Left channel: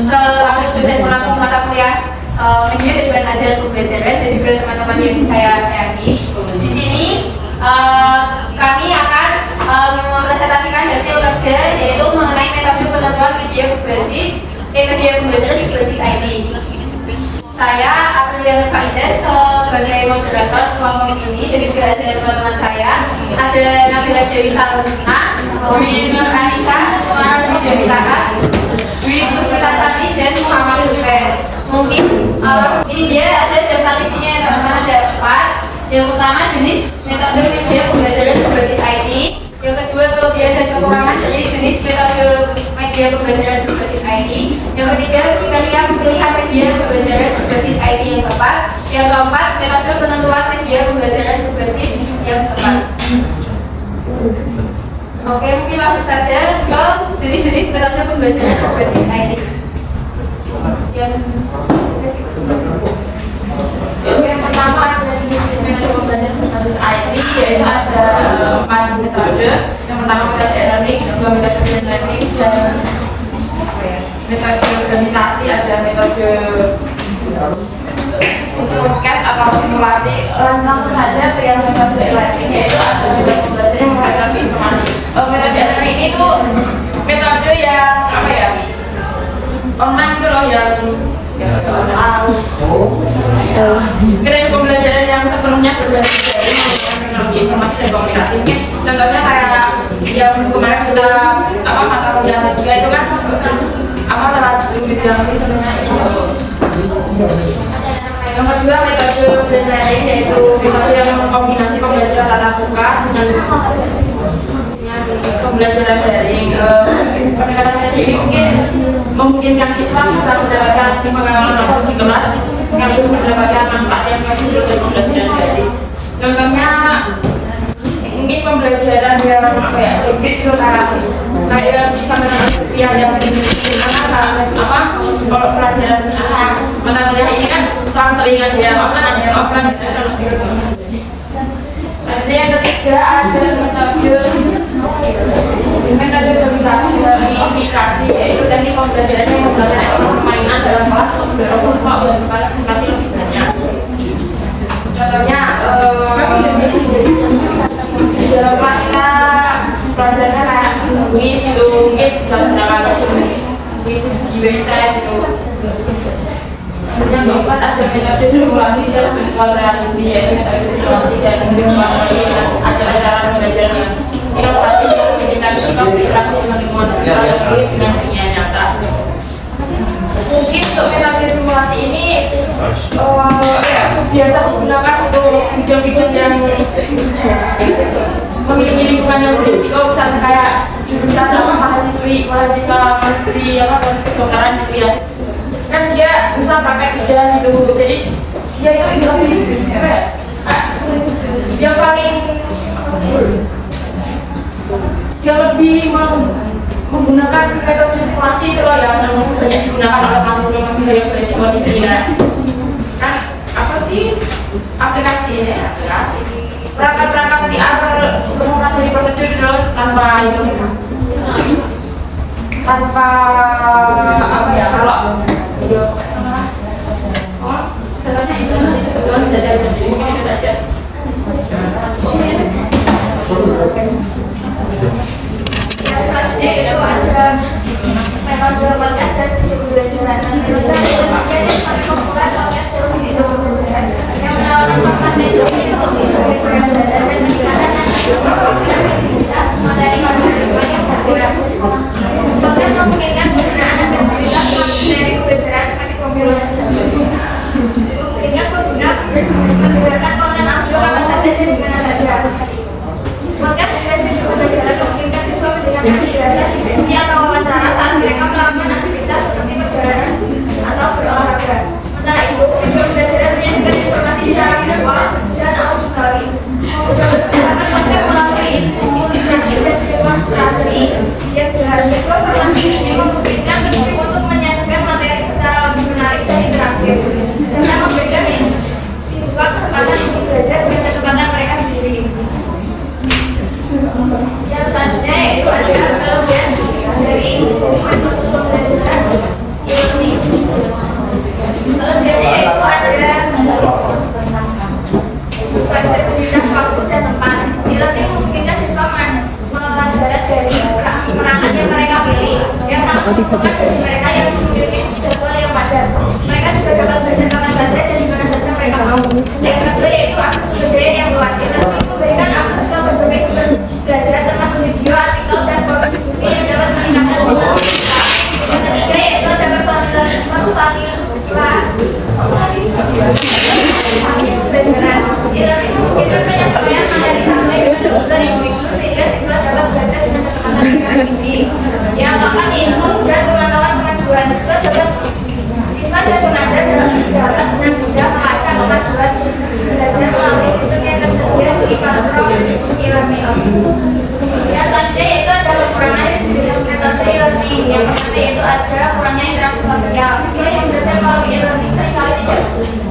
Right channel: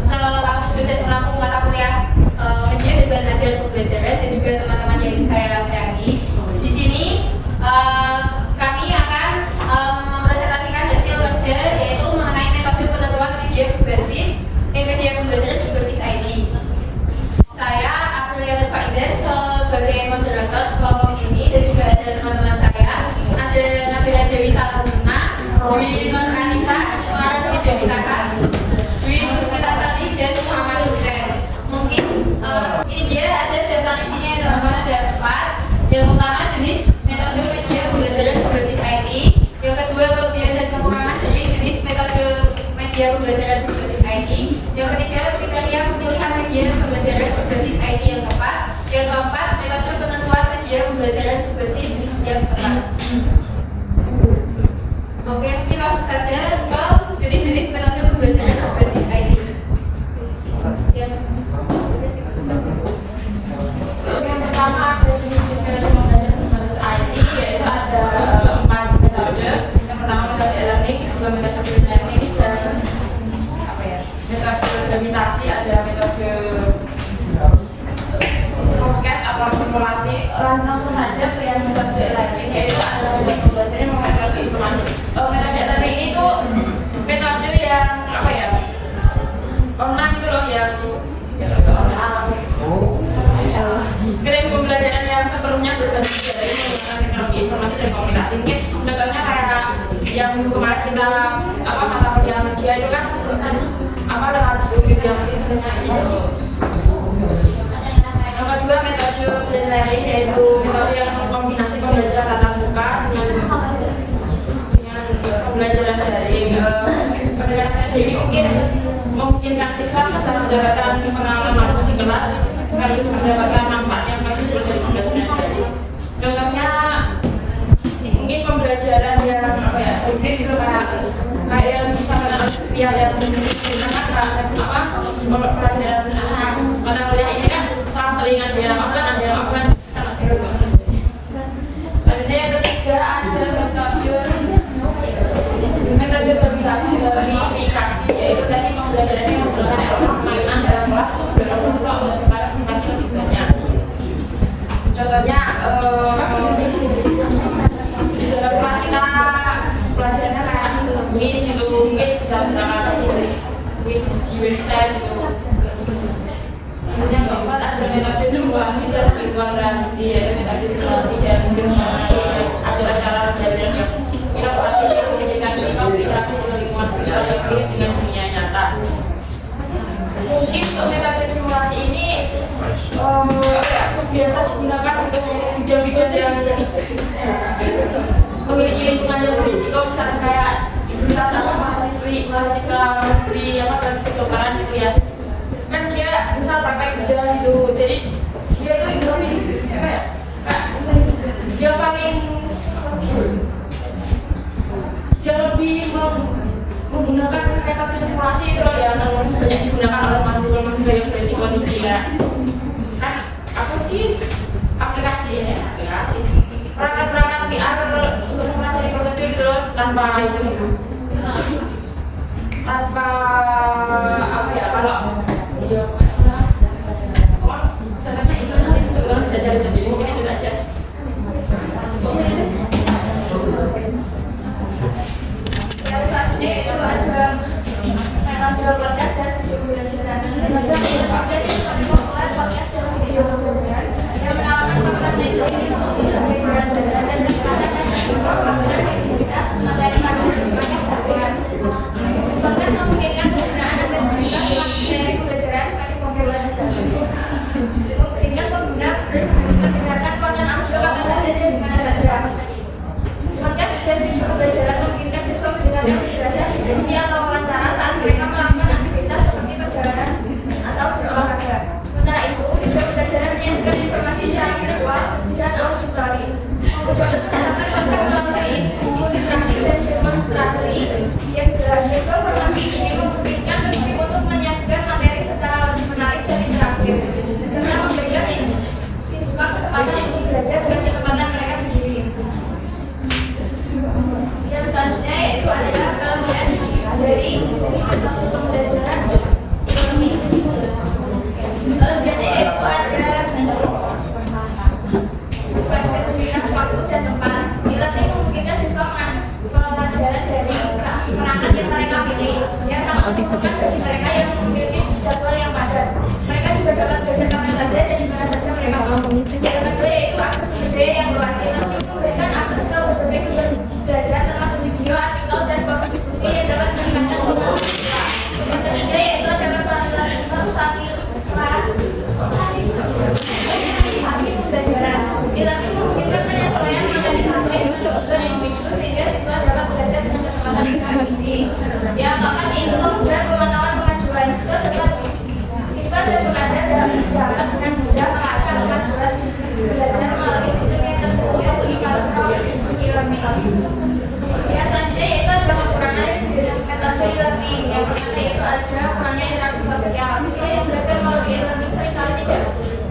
selaku dosen pengampu mata kuliah media dan juga hasil pembelajaran dan juga teman-teman yang saya sayangi. Di sini kami akan mempresentasikan hasil kerja yaitu mengenai metode penentuan media pembelajaran berbasis IT. Saya Aprilia Faizah sebagai moderator kelompok ini, dan juga ada teman-teman saya, ada Nabila Dewi Saluna, Dwi Nur Anissa, Suara Dewi Kakak, Dwi Pusmita Sari, dan Muhammad Hussein. Mungkin ini dia ada daftar isinya ya teman-teman, ada 4. Yang pertama jenis metode media pembelajaran berbasis IT. Yang kedua kelebihan dan kekurangan dari jenis metode media pembelajaran berbasis IT. Yang ketiga kriteria pemilihan media pembelajaran berbasis IT yang tepat. Yang keempat metode penentuan media pembelajaran berbasis yang tepat. Oke, mungkin langsung saja ke jenis-jenis metode pembelajaran berbasis IT. Yang pertama ada jenis metode pembelajaran berbasis IT, yaitu ada 4 metode. Yang pertama metode e-learning, kedua metode blended learning, dan metode gamifikasi, ada metode podcast atau simulasi. Langsung saja ke yang metode e-learning, yaitu ada metode pembelajaran yang menghadapi informasi. Metode e-learning ini tuh metode yang online itu loh, yang keren pembelajaran yang sepenuhnya berbasis dari menggunakan teknologi informasi dan komunikasi. Mungkin contohnya kayak yang kemarin kita mata kuliah media itu kan lewat Zoom gitu yang yang kedua metode blended learning, yaitu metode yang mengkombinasi pembelajaran tatap muka dengan pembelajaran daring. Pendekatan ini mungkin memungkinkan siswa bisa mendapatkan pengalaman langsung di kelas sekaligus mendapatkan manfaat yang maksimal dari pembelajaran daring. Contohnya mungkin pembelajaran yang hybrid itu kayak sama via yang kalau pelajaran mata kuliah ini kan seling ada yang offline ada yang offline. Selanjutnya yang ketiga ada metode gamifikasi, yaitu teknik pembelajaran yang menggunakan permainan dalam kelas untuk mendorong siswa untuk berpartisipasi lebih banyak. Contohnya di dalam kelas kita pelajarannya kayak kuis gitu, mungkin bisa menggunakan kuis di website gitu. Yang keempat ada metode simulasi dan virtual reality, yaitu metode simulasi dan acara-acara pembelajaran yang inovatif yang memungkinkan siswa berinteraksi dengan lingkungan virtual dengan dunia nyata. Mungkin untuk metode simulasi ini biasa digunakan untuk video-video yang memiliki lingkungan yang berisiko, misalnya kayak jurusan mahasiswi kedokteran gitu ya. Kan dia misal praktek kerja gitu, jadi dia itu lebih dia paling dia lebih menggunakan metode simulasi itu loh yang banyak digunakan oleh mahasiswa yang berisiko tinggi ya. Kan apa sih aplikasi perangkat-perangkat VR untuk mempelajari prosedur gitu loh, tanpa kalau video contohnya itu bisa jadi sendiri, mungkin itu saja. Yang selanjutnya itu ada metode podcast dan video pembelajaran. Metode yang semakin populer podcast dan video pembelajaran yang menawarkan format teknologi untuk video pembelajaran dan meningkatkan aktivitas materi pelajaran yang populer. Podcast memungkinkan penggunaan aksesibilitas materi pembelajaran semakin juga kurangnya interaksi sosial. Siswa yang belajar melalui e-learning seringkali tidak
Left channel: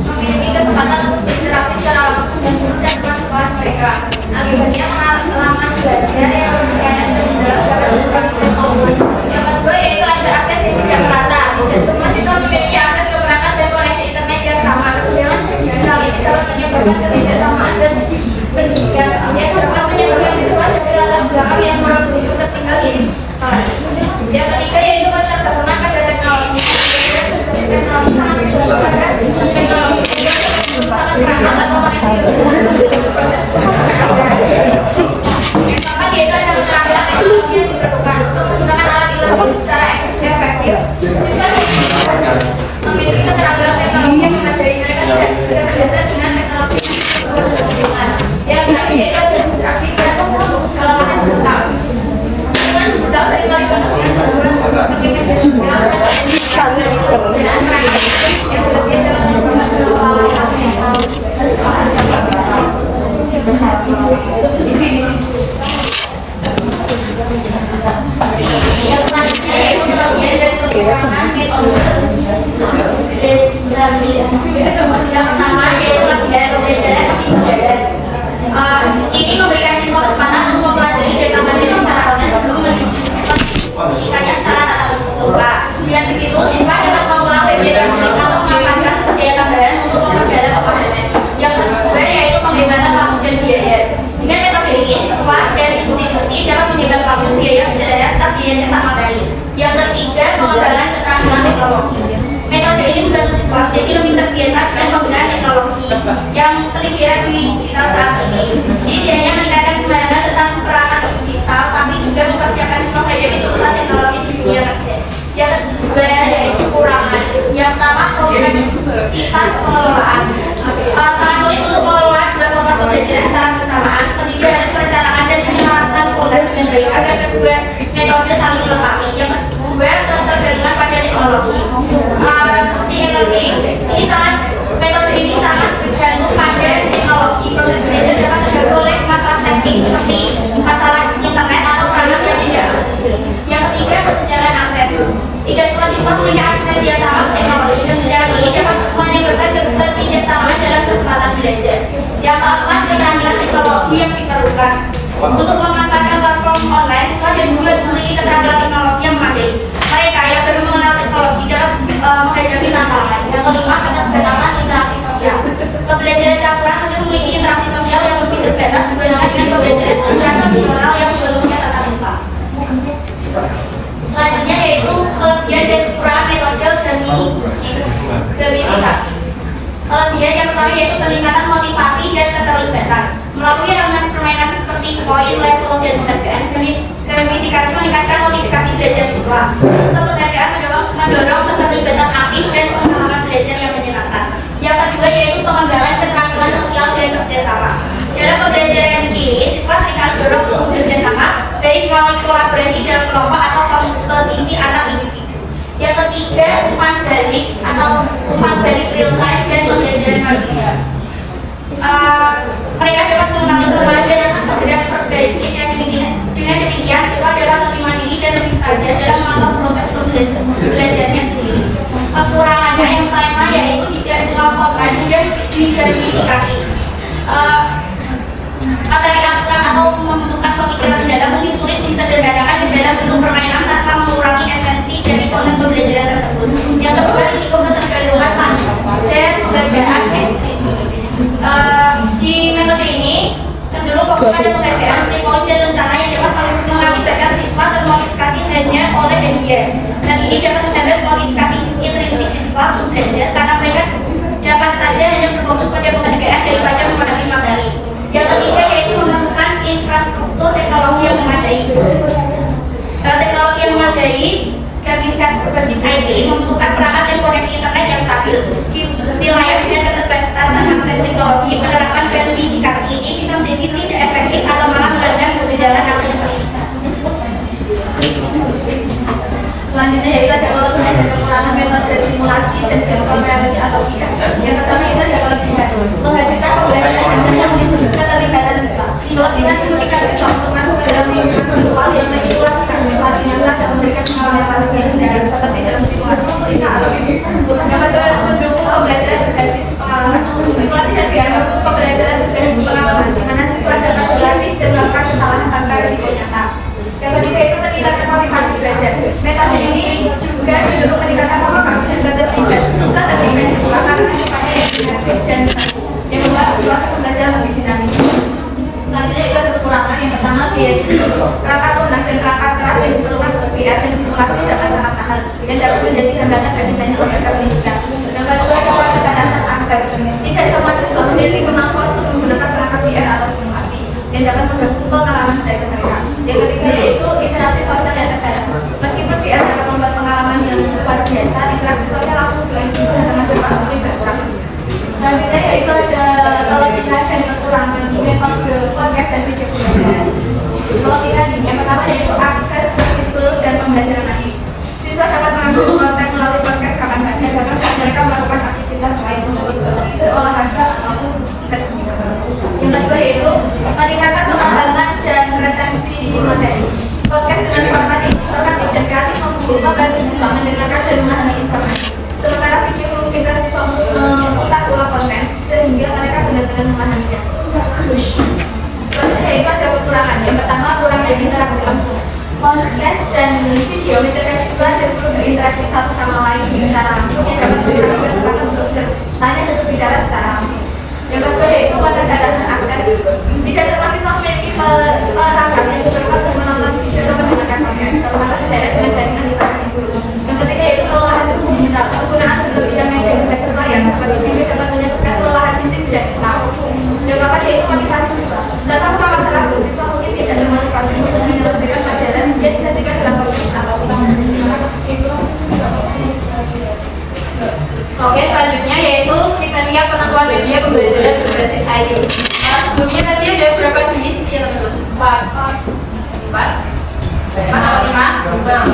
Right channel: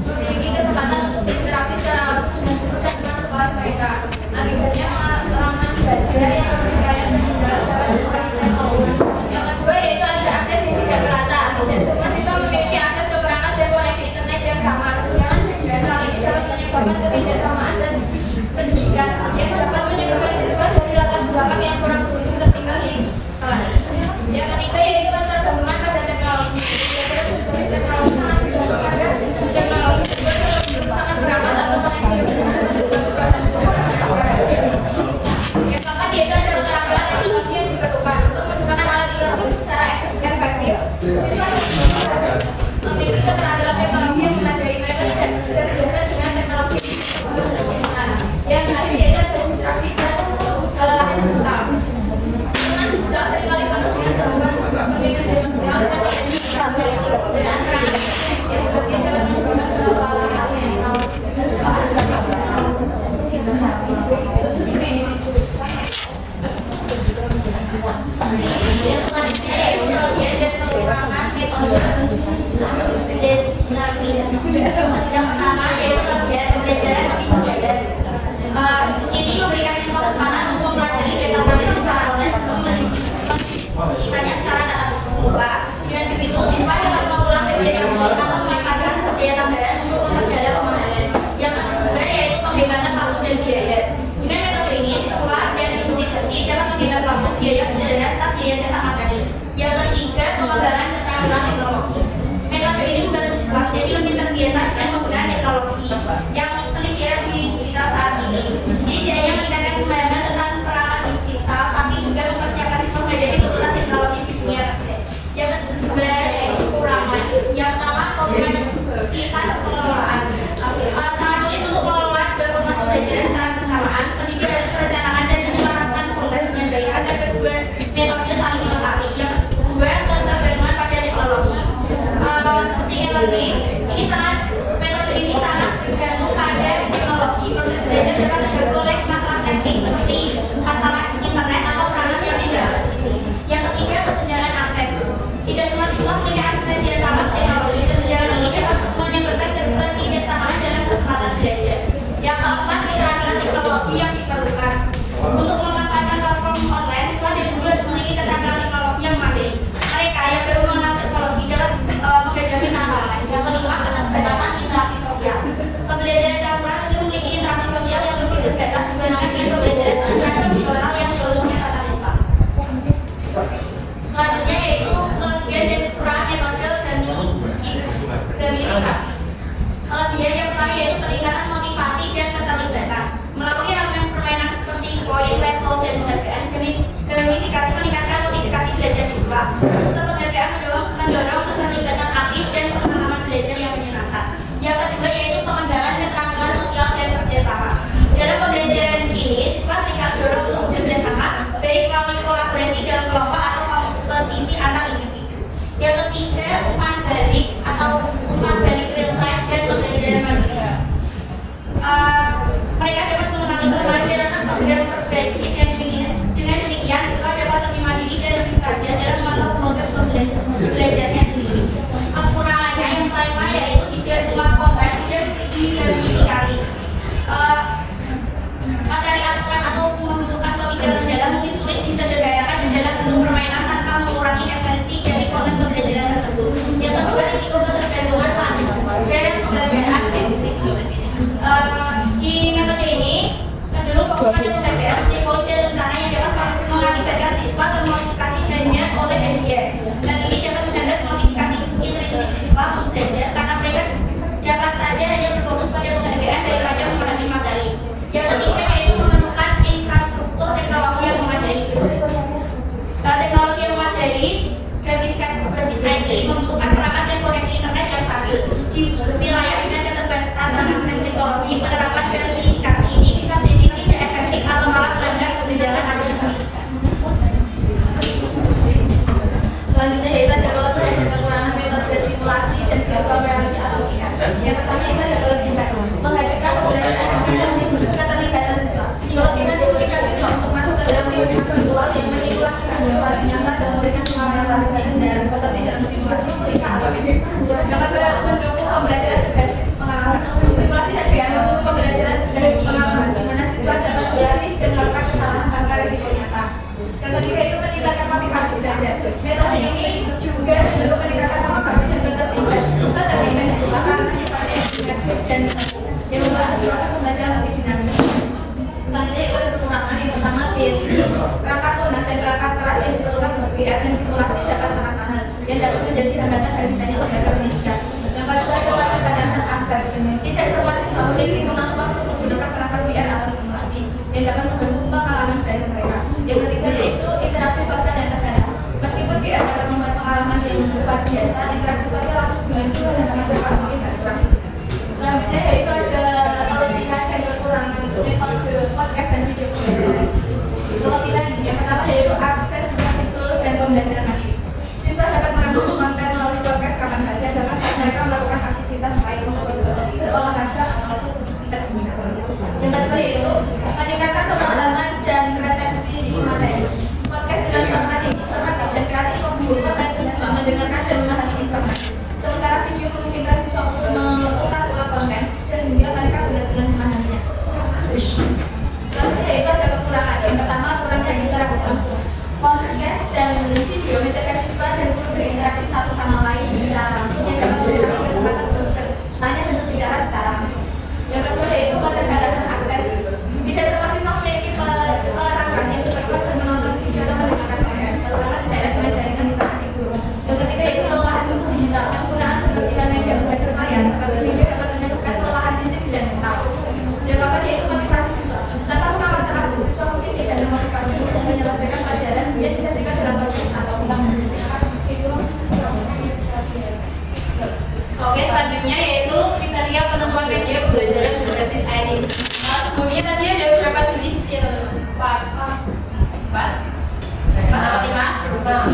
memiliki kesempatan untuk berinteraksi secara langsung dan teman sekelas mereka. Akibatnya pengalaman belajar yang berkaitan dengan dalam yang kedua yaitu ada akses yang tidak merata. Tidak semua siswa memiliki akses ke perangkat dan koneksi internet yang sama. Kesenjangan digital ini dapat menyebabkan ketidaksamaan dan pendidikan yang dapat menyebabkan siswa dari latar belakang yang kurang begitu tertinggal di kelas. Yang ketiga yaitu ketergantungan pada teknologi. Teknologi sangat dibutuhkan. Teknologi juga sangat beramas atau koneksi untuk proses pembelajaran. Yang keempat yaitu ada keterampilan teknologi yang diperlukan untuk menggunakan alat e-learning secara efektif. Siswa memiliki keterampilan teknologi yang memadai. Mereka tidak terbiasa dengan teknologi yang terakhir yaitu ada distraksi dan kelelahan digital. Lingkungan digital seringkali penuh dengan gangguan seperti media sosial dan penggunaan perangkat yang berlebihan dapat menyebabkan hal-hal yang yang selanjutnya yaitu kelebihan dan kekurangan metode. Yang pertama yaitu kelebihan pembelajaran lebih modern. Ini memberikan siswa kesempatan untuk mempelajari data materi secara online sebelum mendiskusikannya secara tatap muka. Dengan begitu, siswa dapat mengulang bagian yang sulit atau memanfaatkan daya tambahan untuk memperdalam pemahaman. Yang kedua yaitu penghematan waktu dan biaya. Dengan metode ini, siswa dan institusi dapat menghemat waktu, biaya perjalanan serta biaya cetak materi. Yang ketiga, pengembangan keterampilan teknologi. Metode ini membantu siswa jadi lebih terbiasa dengan penggunaan teknologi yang terlibat digital saat ini. Jadi tidak hanya meningkatkan pemahaman tentang perangkat digital, tapi juga mempersiapkan siswa menghadapi tuntutan teknologi di dunia kerja. Yang kedua yaitu kekurangan. Yang pertama kompleksitas pengelolaan. Sangat sulit untuk mengelola dua format pembelajaran secara bersamaan, sehingga harus merencanakan dan menyelaraskan program dengan baik agar kedua metode saling melengkapi. Yang kedua ketergantungan pada teknologi. Seperti e-learning, metode ini sangat bergantung pada teknologi. Proses belajar dapat terganggu oleh masalah teknis seperti masalah internet atau perangkat yang tidak presisi. Yang ketiga, kesenjangan akses. Tidak semua siswa punya akses yang sama ke teknologi. Kesenjangan ini dapat menimbulkan ketidaksamaan dalam kesempatan belajar. Yang keempat, keterampilan teknologi yang diperlukan. Untuk memanfaatkan platform online, siswa dan guru harus memiliki keterampilan teknologi yang memadai. Mereka yang baru mengenal teknologi dapat menghadapi tantangan. Yang kelima, keterbatasan interaksi sosial. Pembelajaran campuran untuk memiliki interaksi sosial yang lebih terbatas dibandingkan dengan pembelajaran tradisional yang sebelumnya tatap muka. Selanjutnya yaitu kelebihan dan kekurangan metode gamifikasi. Kelebihan yang pertama yaitu peningkatan motivasi dan keterlibatan. Melalui elemen permainan seperti poin, level, dan penghargaan, gamifikasi meningkatkan motivasi belajar siswa. Sistem penghargaan mendorong keterlibatan aktif dan pengalaman belajar yang menyenangkan. Yang kedua yaitu pengembangan keterampilan sosial dan kerjasama. Dalam pembelajaran ini, siswa seringkali didorong untuk bekerja sama, baik melalui kolaborasi dalam kelompok atau kompetisi antar individu. Yang ketiga, umpan balik atau umpan balik real time dan pembelajaran mandiri. Mereka dapat mengenali kelemahan dan segera perbaiki. Dengan demikian, siswa dapat lebih mandiri dan lebih sadar dalam memantau proses belajarnya sendiri. Kekurangannya yang pertama yaitu tidak semua konten mudah digamifikasi. Materi abstrak atau membutuhkan pemikiran mendalam mungkin sulit disederhanakan di dalam bentuk permainan tanpa mengurangi esensi dari konten pembelajaran tersebut. Yang kedua, risiko ketergantungan dan pemberdayaan ekstrim. Di metode ini cenderung fokus pada pemberdayaan seperti poin dan rencana yang dapat mengakibatkan siswa termotivasi hanya oleh media. Dan ini dapat menghambat motivasi intrinsik siswa untuk belajar karena mereka dapat saja hanya berfokus pada pemberdayaan daripada memahami materi. Yang ketiga yaitu menemukan infrastruktur teknologi yang memadai. Teknologi yang memadai, gamifikasi berbasis IT membutuhkan perangkat dan koneksi internet yang stabil. Di wilayah dengan keterbatasan akses teknologi, penerapan gamifikasi ini bisa menjadi tidak efektif atau malah melanggar kesenjangan akses pendidikan. Selanjutnya yaitu ada kelebihan dan kekurangan metode simulasi dan virtual reality atau VR. Yang pertama itu ada kelebihan menghadirkan pembelajaran dengan keterlibatan siswa. Kelebihan memungkinkan siswa untuk masuk ke dalam lingkungan virtual yang menyimulasikan situasi nyata dan memberikan pengalaman langsung yang dalam seperti dalam menggunakan lebih banyak lembaga pendidikan. Yang kedua adalah keterbatasan akses. Tidak semua siswa memiliki kemampuan untuk menggunakan perangkat VR atau simulasi yang dapat mengganggu pengalaman belajar mereka. Yang ketiga yaitu interaksi sosial yang terbatas. Meskipun VR dapat membuat pengalaman yang luar biasa, interaksi sosial langsung dengan ibu dan teman-teman semakin berkurang. Selanjutnya yaitu ada kelebihan dan kekurangan metode podcast dan video pembelajaran. Kelebihan yang pertama yaitu akses fleksibel dan pembelajaran mandiri. Siswa dapat mengakses konten melalui podcast kapan saja, bahkan saat mereka melakukan aktivitas lain seperti berolahraga maupun kerja. Yang kedua yaitu meningkatkan pemahaman dan retensi materi. Podcast dengan format informatif dan kreatif membantu siswa mendengarkan dan memahami informasi. Sementara video memungkinkan siswa untuk memutar ulang konten sehingga mereka benar-benar memahaminya. Selanjutnya yaitu ada kekurangan. Yang pertama, kurangnya interaksi langsung. Podcast dan video mencegah siswa dan guru berinteraksi satu sama lain secara langsung yang dapat mengurangi kesempatan untuk hanya berbicara secara langsung. Yang kedua yaitu keterbatasan akses. Tidak semua siswa memiliki perangkat yang cukup untuk menonton video atau mendengarkan podcast, terutama tidak dengan jaringan di tempat guru. Yang ketiga yaitu kelelahan digital. Penggunaan berlebihan media berbasis layar seperti video dapat menyebabkan kelelahan fisik dan mental. Yang keempat yaitu motivasi siswa. Tanpa sama langsung siswa mungkin tidak termotivasi untuk menyelesaikan pelajaran yang disajikan dalam podcast atau Oke, selanjutnya yaitu kriteria penentuan media pembelajaran berbasis IT. Sebelumnya tadi ada berapa jenis ya teman-teman? 4 atau 5?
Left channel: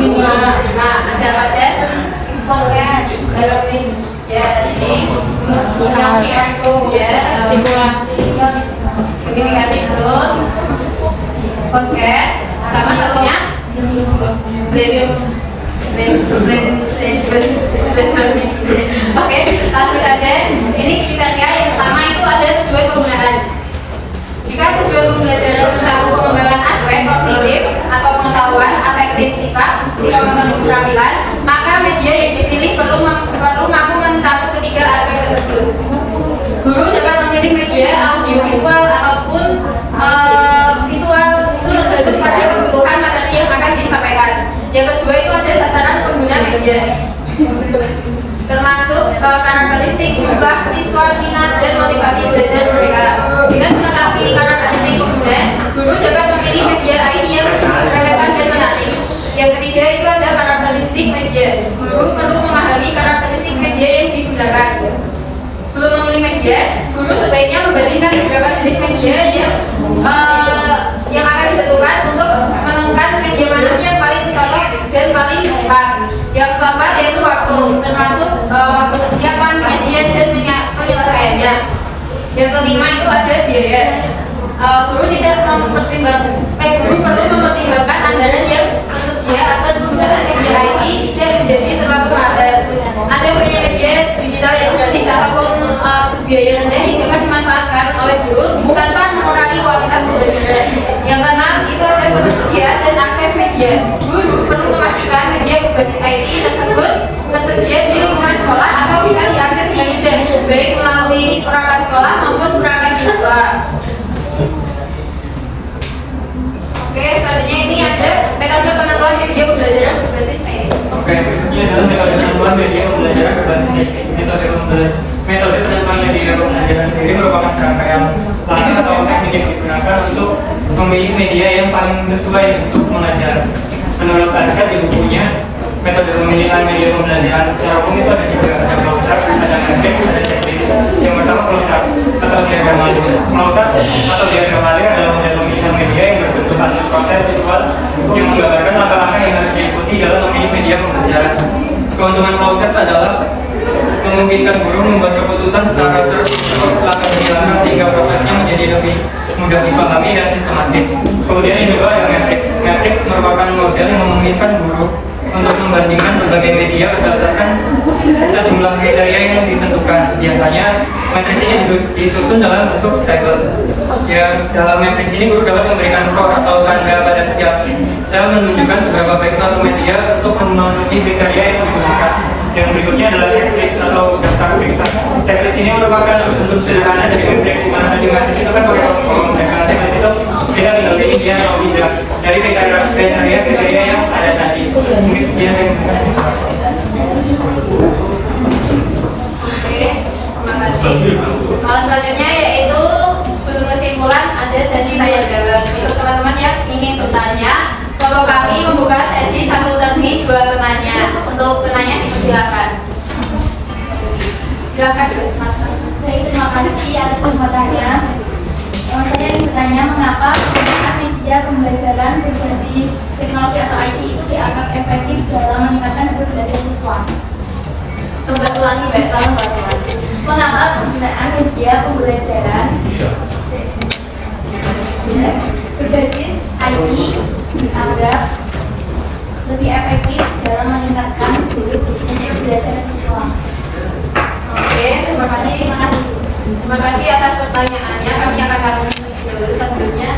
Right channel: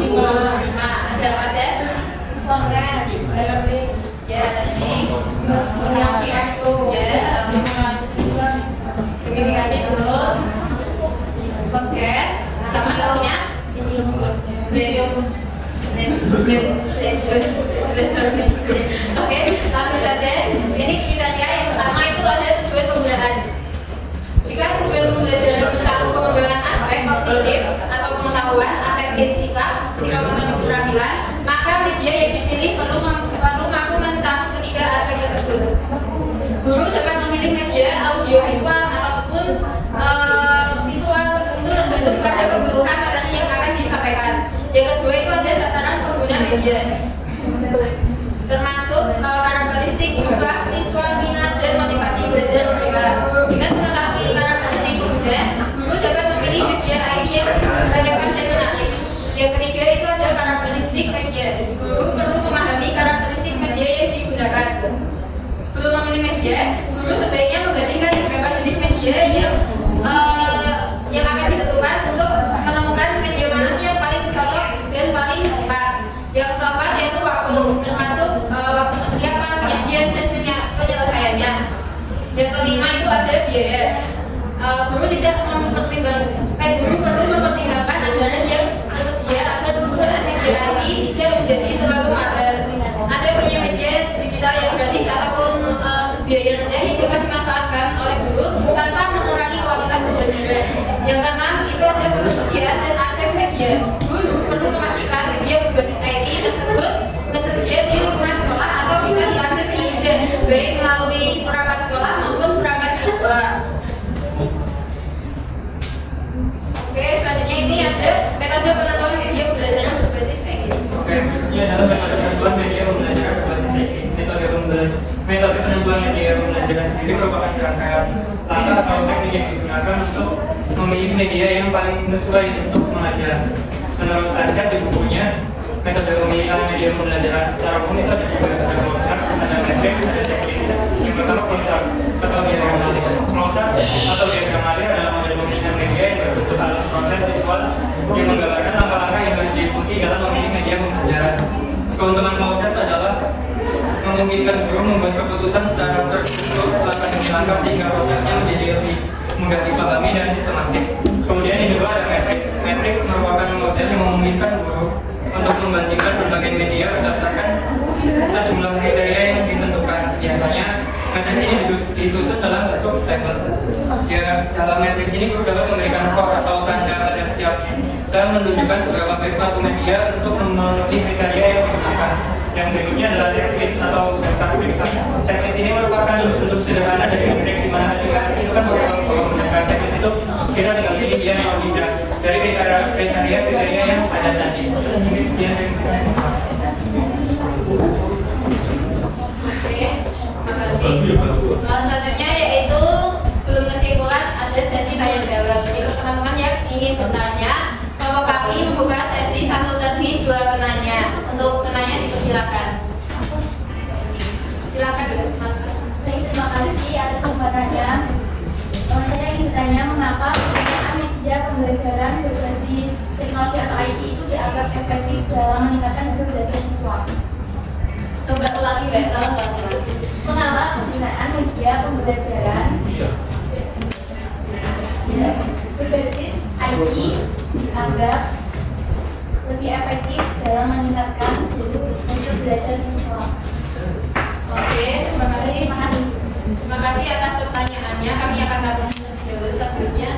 5. Ada apa aja? Podcast, ya, ini verifikasi dulu, podcast, sama satunya Oke, langsung saja. Ini kriteria yang pertama itu ada tujuan penggunaan. Jika tujuan pembelajaran mencakup pengembangan aspek kognitif atau pengetahuan, afektif sikap motorik keterampilan, maka media yang dipilih perlu mampu mencakup ketiga aspek tersebut. Guru dapat memilih media audiovisual ataupun visual itu tergantung pada kebutuhan materi yang akan disampaikan. Yang kedua itu ada sasaran pengguna media, termasuk karakteristik jumlah siswa, minat dan motivasi belajar mereka. Dengan mengetahui karakteristik pengguna, guru dapat memilih media IT yang relevan dan menarik. Yang ketiga itu ada karakteristik media. Guru perlu memahami karakteristik media yang digunakan. Sebelum memilih media, guru sebaiknya membandingkan beberapa jenis media yang akan ditentukan untuk menemukan media mana sih yang paling cocok dan paling tepat. Yang keempat yaitu waktu, termasuk waktu persiapan, kajian dan penyelesaiannya. Yang kelima itu ada biaya. Guru perlu mempertimbangkan anggaran yang tersedia agar penggunaan media IT tidak menjadi terlalu mahal. Ada punya media digital yang gratis ataupun biaya rendah yang dapat dimanfaatkan oleh guru tanpa mengurangi kualitas pembelajaran. Yang keenam itu ada ketersediaan dan akses media. Guru perlu memastikan media berbasis IT tersebut tersedia di lingkungan sekolah atau bisa diakses dengan mudah, baik melalui perangkat sekolah maupun perangkat siswa. Oke, selanjutnya ini ada metode penentuan media pembelajaran berbasis IT. Oke, ini adalah metode penentuan media pembelajaran berbasis IT. Metode penentuan media pembelajaran sendiri merupakan serangkaian langkah atau teknik yang digunakan untuk memilih media yang paling sesuai untuk mengajar. Menurut Anca di bukunya, metode pemilihan media pembelajaran secara umum itu ada tiga, ada flowchart, ada matrix, ada checklist. Yang pertama flowchart atau diagram alir. Flowchart atau diagram alir adalah model pemilihan media yang berbentuk alur proses visual yang menggambarkan langkah-langkah yang harus diikuti dalam memilih media pembelajaran. Keuntungan flowchart adalah memungkinkan guru membuat keputusan secara terstruktur langkah demi langkah sehingga prosesnya menjadi lebih mudah dipahami dan sistematis. Kemudian yang kedua ada matrix. Matrix merupakan model yang memungkinkan guru untuk membandingkan berbagai media berdasarkan sejumlah kriteria yang ditentukan. Biasanya matriks ini disusun dalam bentuk tabel. Ya, dalam matriks ini guru dapat memberikan skor atau tanda pada setiap sel menunjukkan seberapa baik suatu media untuk memenuhi kriteria yang digunakan. Yang berikutnya adalah checklist atau daftar periksa. Checklist ini merupakan bentuk sederhana dari matriks di mana di matriks itu kan kolom-kolom. Sedangkan checklist itu kita tinggal pilih dia atau tidak dari kriteria yang ada tadi. Mungkin sekian yang Silakan. Baik, terima kasih atas kesempatannya. Saya ingin bertanya mengapa penggunaan media pembelajaran berbasis teknologi atau IT itu dianggap efektif dalam meningkatkan hasil belajar siswa. Coba ulangi, Mbak. Tolong Mbak. Mengapa penggunaan media pembelajaran berbasis IT dianggap lebih efektif dalam meningkatkan hasil belajar siswa? Oke, terima kasih. Terima kasih atas pertanyaannya. Kami akan tampilkan dulu tentunya.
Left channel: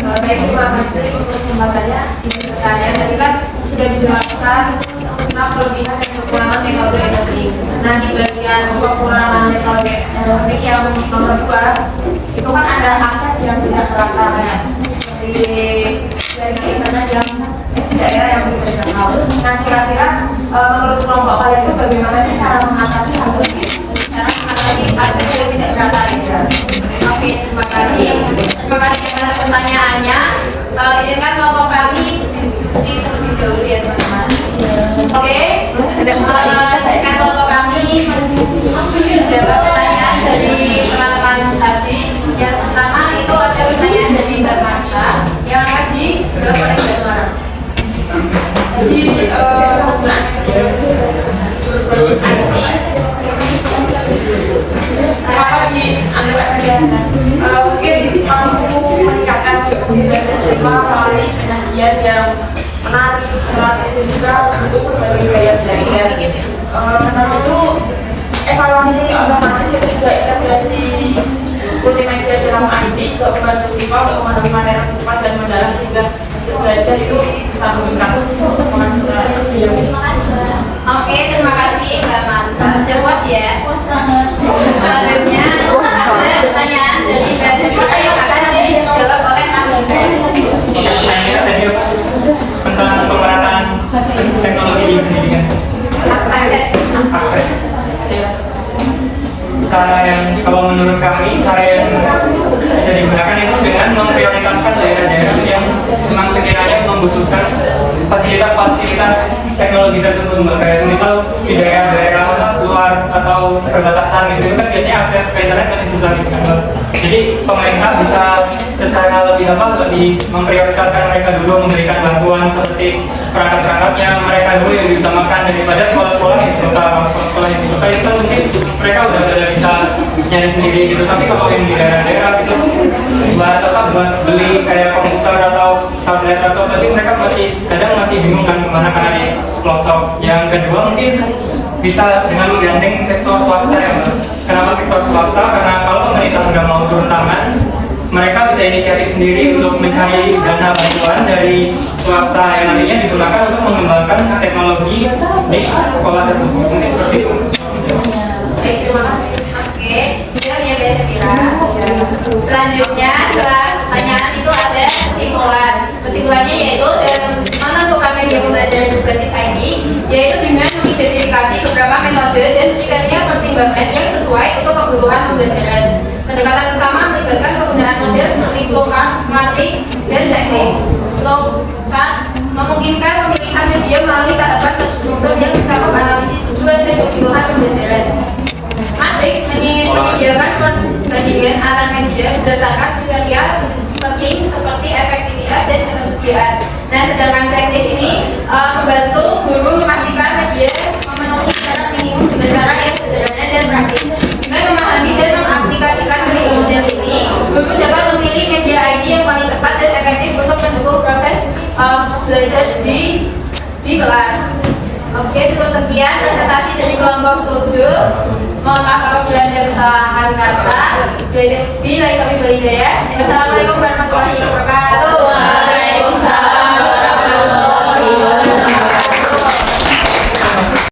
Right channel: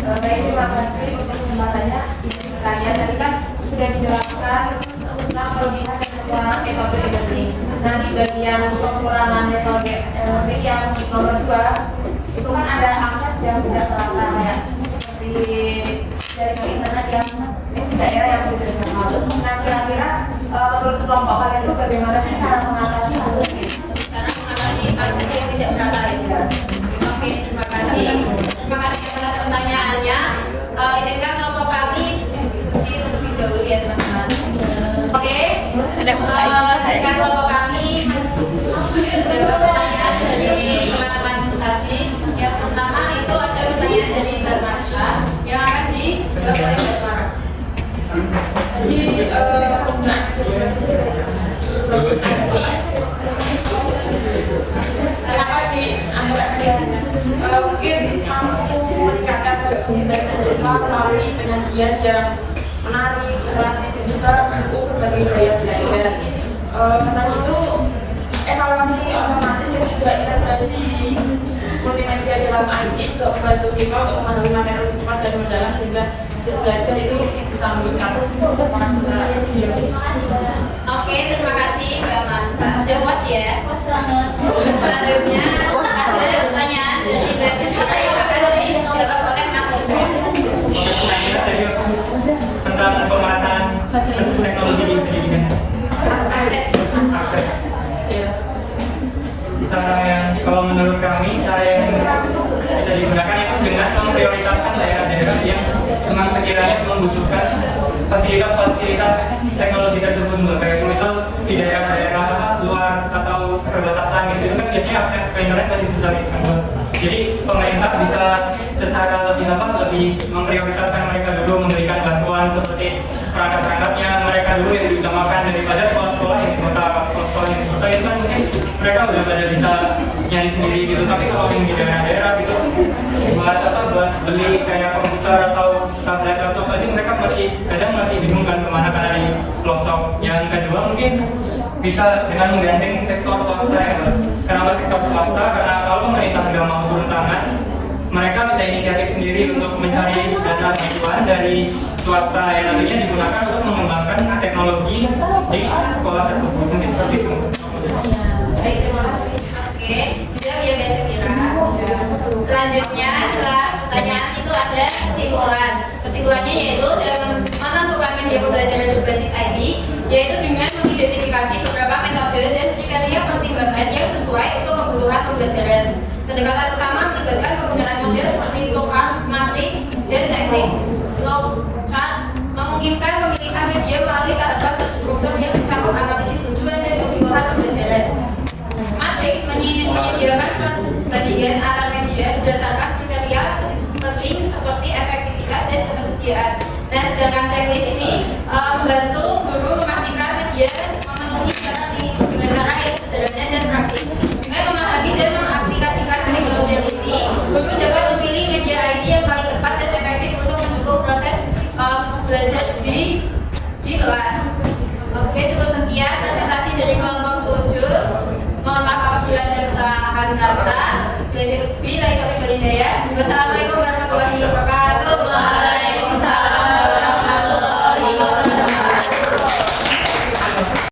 Baik, terima kasih untuk kesempatannya. Pertanyaan tadi kan sudah dijelaskan tentang kelebihan dan kekurangan metode e-learning. Nah, di bagian kekurangan metode e-learning yang nomor 2 itu kan ada akses yang tidak merata ya, seperti dari internet yang daerah yang sudah terjangkau. Nah, kira-kira menurut kelompok kalian itu bagaimana sih cara mengatasi hal ini? Cara mengatasi akses yang tidak merata ya. Oke, terima kasih. Terima kasih atas pertanyaannya. Izinkan kelompok kami diskusi terlebih dahulu ya teman-teman. Oke, izinkan kelompok kami menjawab pertanyaan dari teman-teman tadi. Yang pertama itu ada pertanyaan dari Mbak Marta yang akan dijawab oleh Mbak Marta. Jadi penggunaan kenapa dianggap mungkin mampu meningkatkan belajar siswa melalui penyajian yang menarik, kreatif dan juga untuk berbagai gaya belajar. Selain itu evaluasi otomatis dan juga integrasi multimedia dalam IT juga membantu siswa untuk memahami materi lebih cepat dan mendalam sehingga hasil belajar itu bisa meningkat. Oke, terima kasih Mbak Marta. Sudah puas ya? Selanjutnya ada pertanyaan dari Mbak Siti yang akan dijawab oleh Mas Hussein. Pertanyaan tadi apa? Tentang pemerataan teknologi di pendidikan. Akses. Akses. Cara yang, kalau menurut kami, cara yang bisa digunakan itu dengan memprioritaskan daerah-daerah yang memang sekiranya membutuhkan fasilitas-fasilitas teknologi tersebut. Kayak misal di daerah-daerah luar atau perbatasan gitu kan biasanya akses ke internet masih susah gitu kan. Jadi pemerintah bisa secara lebih memprioritaskan mereka dulu, memberikan bantuan seperti perangkat-perangkat yang mereka dulu yang diutamakan daripada sekolah-sekolah yang dibuka, sekolah-sekolah yang dibuka itu kan mungkin mereka udah bisa nyari sendiri gitu. Tapi kalau yang di daerah-daerah itu buat beli kayak komputer atau tablet atau apa sih mereka kadang masih bingung kan kemana karena di pelosok. Yang kedua mungkin bisa dengan menggandeng sektor swasta ya. Kenapa sektor swasta? Karena kalau pemerintah nggak mau turun tangan, mereka bisa inisiatif sendiri untuk mencari dana bantuan dari swasta yang nantinya digunakan untuk mengembangkan teknologi di sekolah tersebut. Mungkin seperti itu. Baik, terima kasih. Oke, juga dia biasa kira. Selanjutnya setelah pertanyaan itu ada kesimpulan. Kesimpulannya yaitu dalam menentukan media pembelajaran berbasis IT, yaitu dengan mengidentifikasi beberapa metode dan kriteria pertimbangan yang sesuai untuk kebutuhan pembelajaran. Pendekatan utama melibatkan penggunaan model seperti flowchart, matrix, dan checklist. Flowchart memungkinkan pemilihan media melalui tahapan terstruktur yang mencakup analisis tujuan dan kebutuhan pembelajaran. Matrix menyediakan perbandingan antar media berdasarkan kriteria penting seperti efektivitas dan ketersediaan. Nah, sedangkan checklist ini membantu guru memastikan media memenuhi syarat minimum dengan cara yang sederhana dan praktis. Dengan memahami dan mengaplikasikan ketiga model ini, guru dapat memilih media ID yang paling tepat dan efektif untuk mendukung proses belajar di kelas. Oke, cukup sekian presentasi dari kelompok 7. Mohon maaf apabila ada kesalahan kata. Bila kami berhidayah. Wassalamualaikum warahmatullahi wabarakatuh.